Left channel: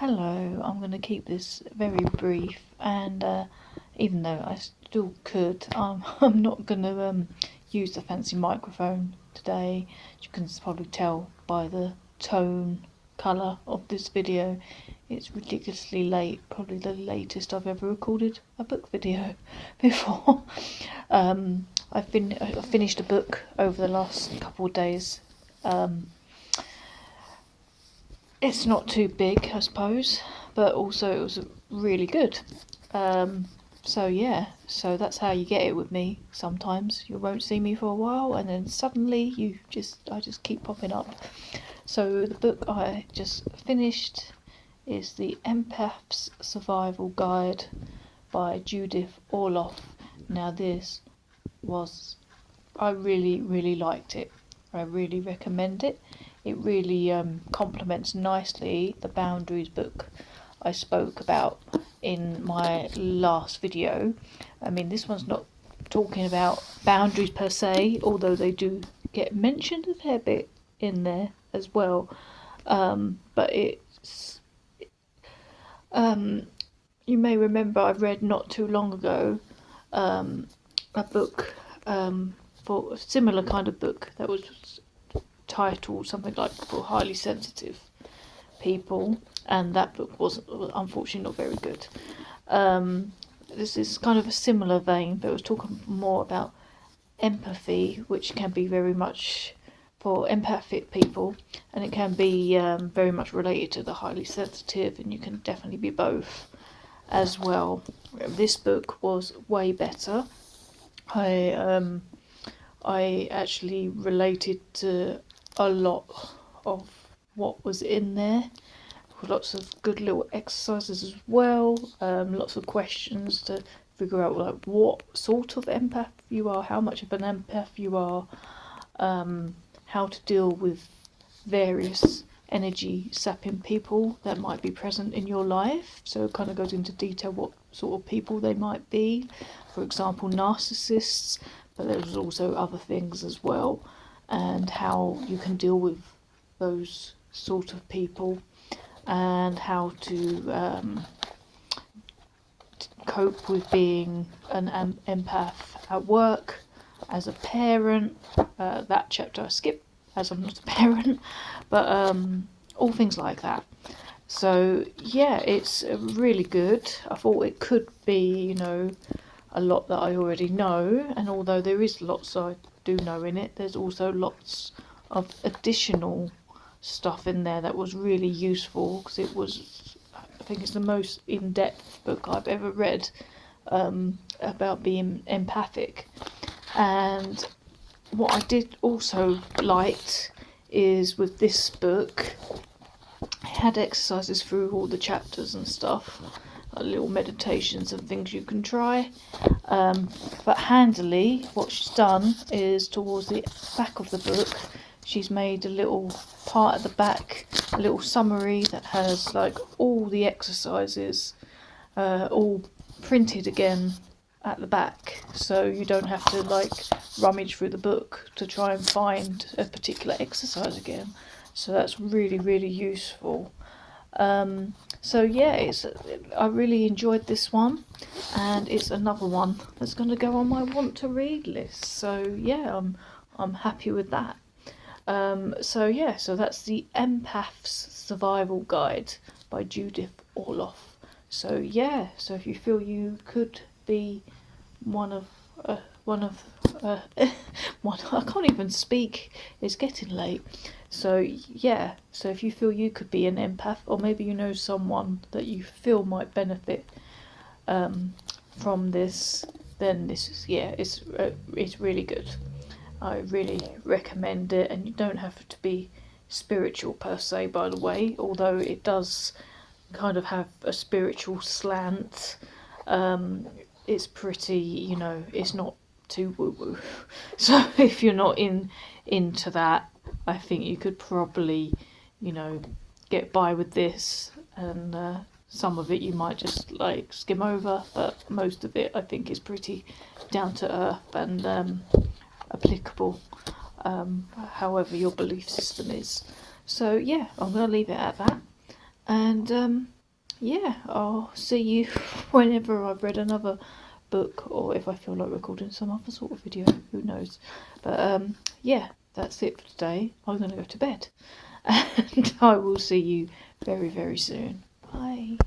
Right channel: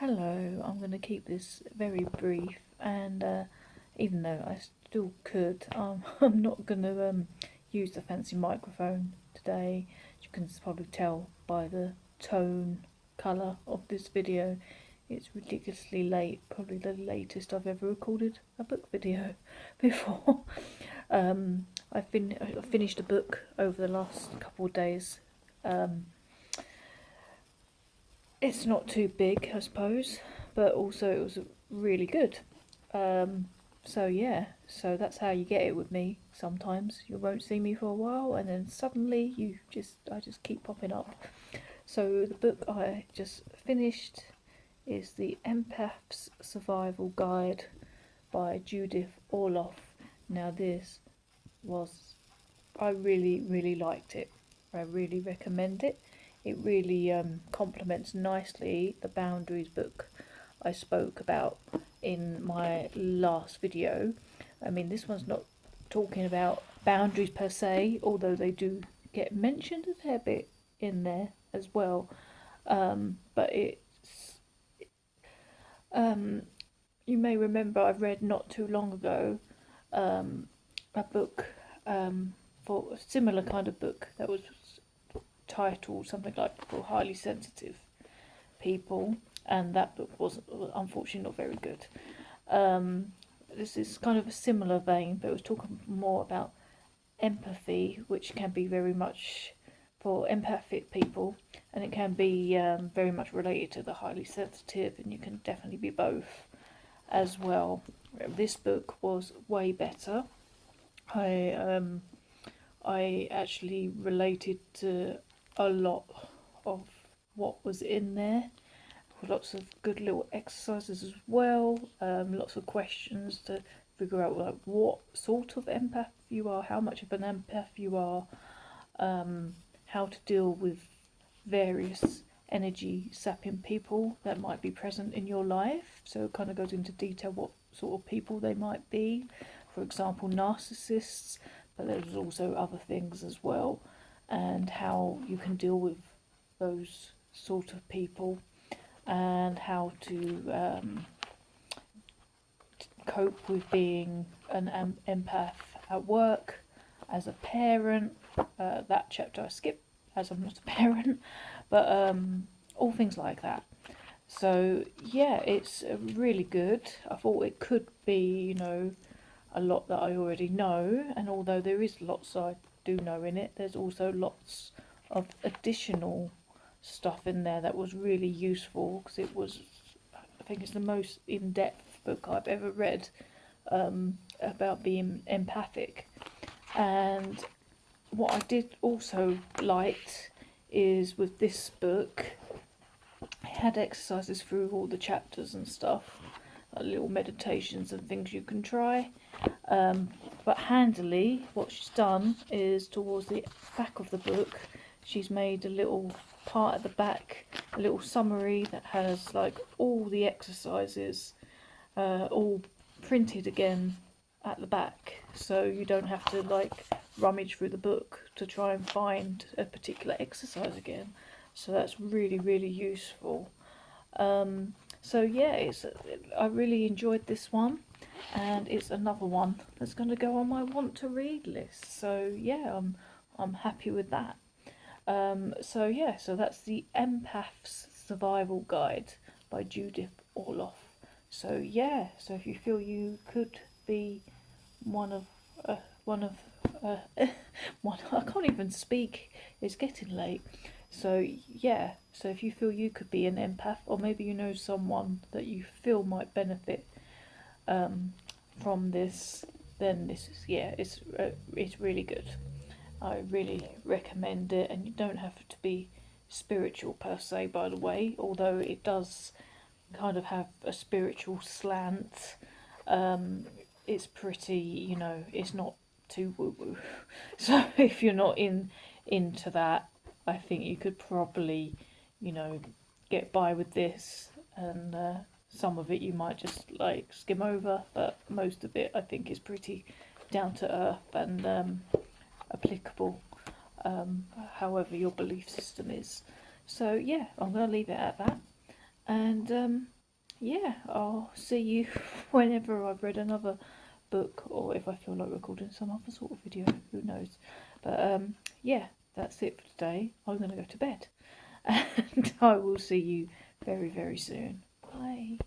Hello, I'm going to keep this very brief, and even though I still could, I'm not going to use the fancy microphone today. You can probably tell by the tone, colour of this video. It's ridiculously late, probably the latest I've ever recorded a book video before. I finished a book over the last couple of days. It's not too big, I suppose, but also it was really good. So that's how you get it with me. Sometimes you won't see me for a while, and then suddenly I just keep popping up. So the book I just finished is The Empath's Survival Guide by Judith Orloff. Now I really liked it. I really recommend it. It really complements nicely the boundaries book I spoke about in my last video. I mean, this one's not talking about boundaries per se, although they do get mentioned a fair bit in there as well. But you may remember I read not too long ago a book for a similar kind of book that was titled something like For Highly Sensitive People, and that book was unfortunately not very good. This is kind of a similar vein, but it was talking more about empathy, which can be very much for empathic people, and it can be very much related to the highly sensitive, and you can definitely be both as well. This book was way better. I actually related to a lot of what was in there. Lots of good little exercises as well. Lots of questions to figure out like what sort of empath you are, how much of an empath you are, how to deal with various energy sapping people that might be present in your life. So it kind of goes into detail what sort of people they might be. For example, narcissists, but there's also other things as well, and how you can deal with those sort of people, and how to cope with being an empath at work, as a parent. That chapter I skipped as I'm not a parent, but all things like that. So yeah, it's really good. I thought it could be, a lot that I already know, and although there is lots I do know in it, there's also lots of additional stuff in there that was really useful, because I think it's the most in-depth book I've ever read about being empathic. And what I did also liked is with this book, it had exercises through all the chapters and stuff, like little meditations and things you can try. But handily, what she's done is towards the back of the book, she's made a little part at the back, a little summary that has like all the exercises all printed again at the back, so you don't have to like rummage through the book to try and find a particular exercise again. So that's really useful. So yeah, I really enjoyed this one, and it's another one that's going to go on my want to read list. So yeah, I'm happy with that. So that's The Empath's Survival Guide by Judith Orloff. So if you feel you could be one of I can't even speak, it's getting late. So if you feel you could be an empath, or maybe you know someone that you feel might benefit from this, then this is it's really good. I really recommend it, and you don't have to be spiritual per se, by the way, although it does kind of have a spiritual slant. It's pretty, it's not too woo-woo. So if you're not into that, I think you could probably, get by with this, and some of it you might just like skim over, but most of it I think is pretty down to earth and applicable, however your belief system is. So yeah, I'm going to leave it at that, and And yeah, I'll see you whenever I've read another book, or if I feel like recording some other sort of video, who knows. But yeah, that's it for today. I'm going to go to bed, and I will see you very, very soon. Bye.